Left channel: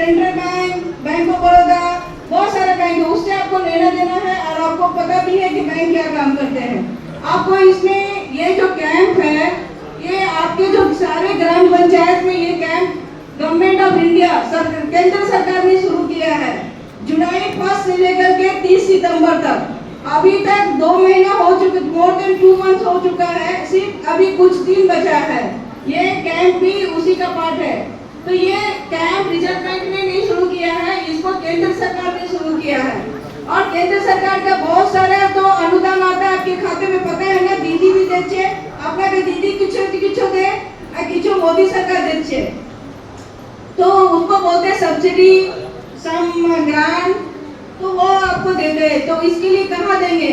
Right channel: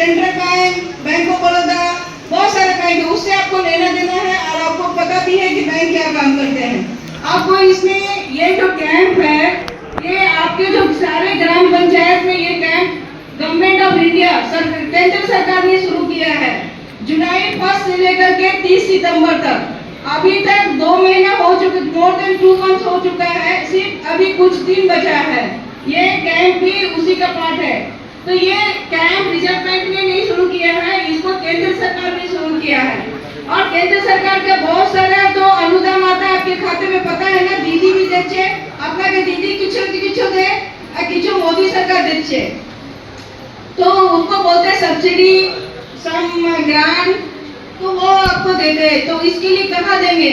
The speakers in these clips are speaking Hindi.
Central bank, bank of Baroda, बहुत सारे बैंक है, उससे आपको लेना देना है और आपको पता भी है कि बैंक क्या काम करते हैं। आपको इसमें ये जो कैंप है, ये आपके जो सारे ग्राम पंचायत में ये कैंप गवर्नमेंट ऑफ इंडिया केंद्र सरकार ने शुरू किया है। जुलाई 1 से लेकर के 30 सितंबर तक, अभी तक 2 महीना हो चुके, मोर देन 2 मंथ हो चुका है, सिर्फ अभी कुछ दिन बचा है। ये कैंप भी उसी का पार्ट है। तो ये कैंप रिजर्व बैंक ने नहीं शुरू किया है, इसको केंद्र सरकार ने शुरू किया है। और केंद्र सरकार का बहुत सारा तो अनुदान आता है आपके खाते में, पता है ना, दीदी भी देचे अपना के दीदी किछो दे और किछो मोदी सरकार देचे, तो उसको बोलते सब्सिडी, सम ग्रांट, तो वो आपको देते। तो इसके लिए कहाँ देंगे?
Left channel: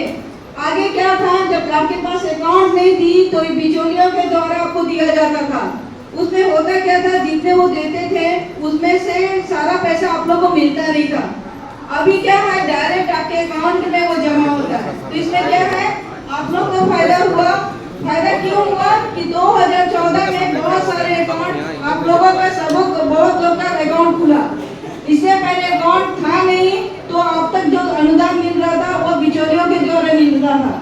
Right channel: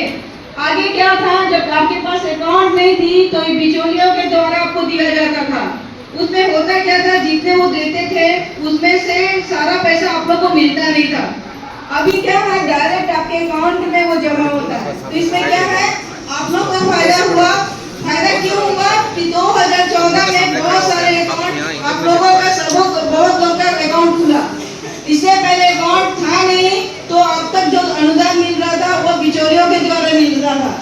आगे क्या था, जब आपके पास अकाउंट नहीं थी तो बिचौलियों के द्वारा आपको दिया जाता था। उसमें होता क्या था, जितने वो देते थे उसमें से सारा पैसा आप लोग को मिलता नहीं था। अभी क्या है, डायरेक्ट आपके अकाउंट में वो जमा होता है। तो इसमें क्या है, आप लोग को फायदा हुआ। फायदा क्यों हुआ कि 2014 में बहुत सारे अकाउंट आप लोगों का, सब बहुत लोग का अकाउंट खुला। इससे पहले अकाउंट था नहीं, तो अब तक जो अनुदान मिल रहा था वो बिचौलियों के द्वारा मिल रहा था।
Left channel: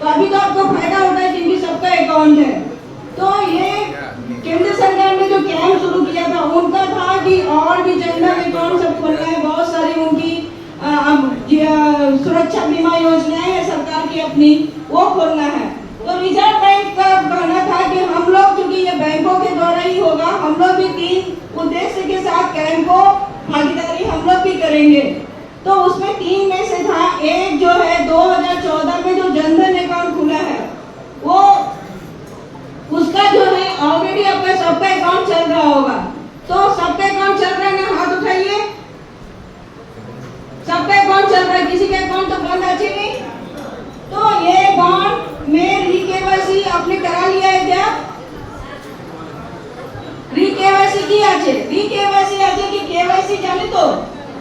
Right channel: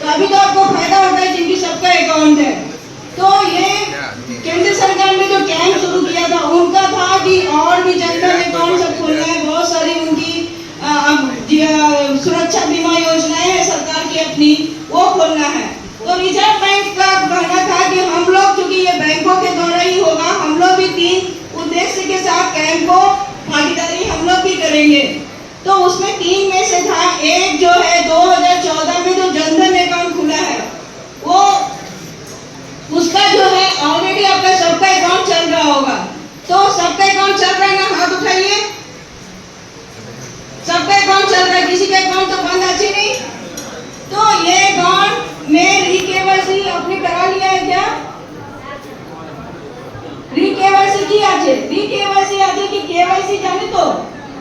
तो अभी तो आपको फायदा होता है जिनकी सबका अकाउंट है। तो ये केंद्र सरकार ने जो कैंप शुरू किया था, उनका था कि और भी जनधन अकाउंट सब खोलना है, बहुत सारी उनकी सुरक्षा बीमा योजनाएं है सरकार की अपनी, वो खोलना है। तो रिजर्व बैंक का कहना था कि हम लोग, क्योंकि ये बैंकों के द्वारा ही होगा, हम लोग भी 3 उद्देश्य के साथ कैंप को भागीदारी हम लोग भी करेंगे। तो उसमें 3 में से था, एक जो है 2014 में जो जनधन अकाउंट खुला है, वो उसका जो है ऑलरेडी आपका सबका अकाउंट चल रहा होगा। तो सबका अकाउंट चल रहा है ना, हाथ उठाइए। सबका अकाउंट चल रहा है, किसी का अकाउंट तो बंद अच्छी नहीं। तो ये अकाउंट में री-केवाईसी आपने करा लिया है क्या? री-केवाईसी की আছে, री-केवाईसी আছে कि केवाईसी जाने तो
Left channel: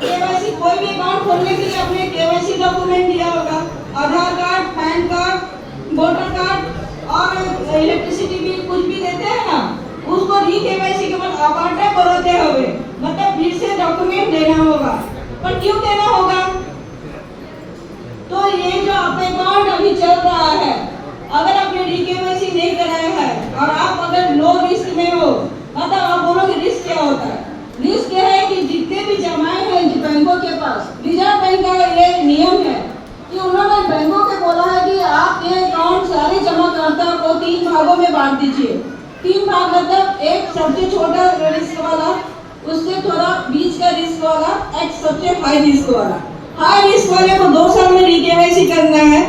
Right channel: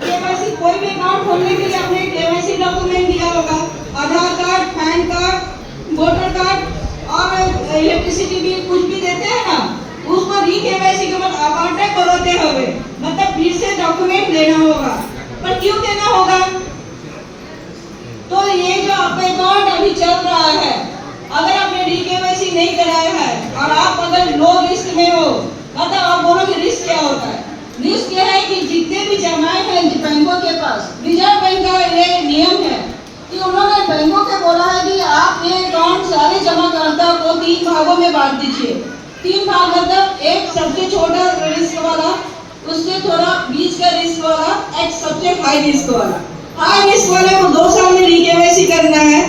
केवाईसी कोई भी अकाउंट खोलने के लिए आपने केवाईसी डॉक्यूमेंट दिया होगा, Aadhaar card, PAN card, voter card और इलेक्ट्रिसिटी बिल कुछ भी देते हैं ना, उसको री-केवाईसी के बाद आवाटा कराते होंगे, मतलब फिर से डॉक्यूमेंट देना होगा। पर क्यों देना होगा? तो ये जो आपका अकाउंट अभी चल रहा है, अगर आपने री-केवाईसी नहीं कराया है और आप अगर लो रिस्क में हो, मतलब आप बोलोगे रिस्क क्या होता है? रिस्क यह है कि जितने भी जमाए हैं बैंकों के पास, रिजर्व बैंक का ये नियम है कि उन्होंने बैंकों को बोला है कि आप ये अकाउंट सारे जमा करता को 3 भागों में बांट दीजिए। 3 भाग मतलब एक सबसे छोटा रिस्क वाला, उससे थोड़ा बीच का रिस्क वाला, एक सबसे हाई रिस्क वाला। हाई रिस्क वाले को 2 साल में री-केवाईसी करना है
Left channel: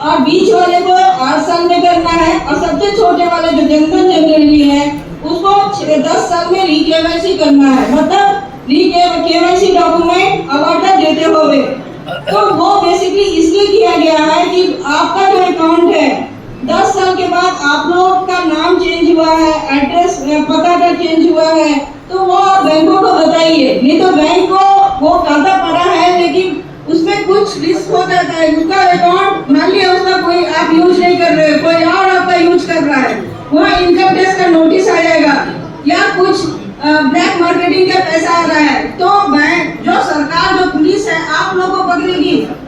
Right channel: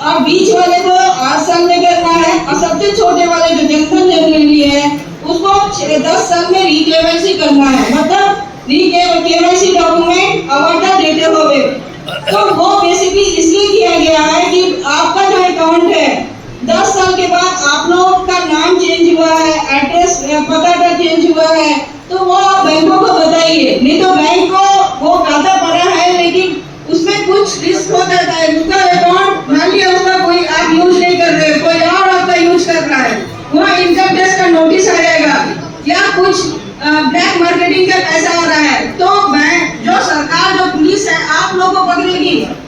और बीच वाले को 8 साल में करना है और सबसे छोटे वाले जो जनधन जनरली है उसको 10 साल में री-केवाईसी करना है। मतलब री-केवाईसी डॉक्यूमेंट अवार्ड देते हुए। तो वो बेसिकली इसलिए किया गया है कि आपका जो अकाउंट है 10 साल के बाद आप लोग का नाम चेंज हुआ है, एड्रेस पता चेंज हुआ है, तो वो बैंकों को बताइए। नहीं तो बैंक को वो खाता पड़ा है लेकिन उसमें कुछ रिस्क हो जाता है। उसका अकाउंट मान लिया उसका कोई आप यूज नहीं कर रहे, कोई और आपका यूज कर रहा है, वहाँ इनकम टैक्स का नोटिस आ जाएगा या कुछ ब्लैक मार्केटिंग का पैसा आ रहा है, तो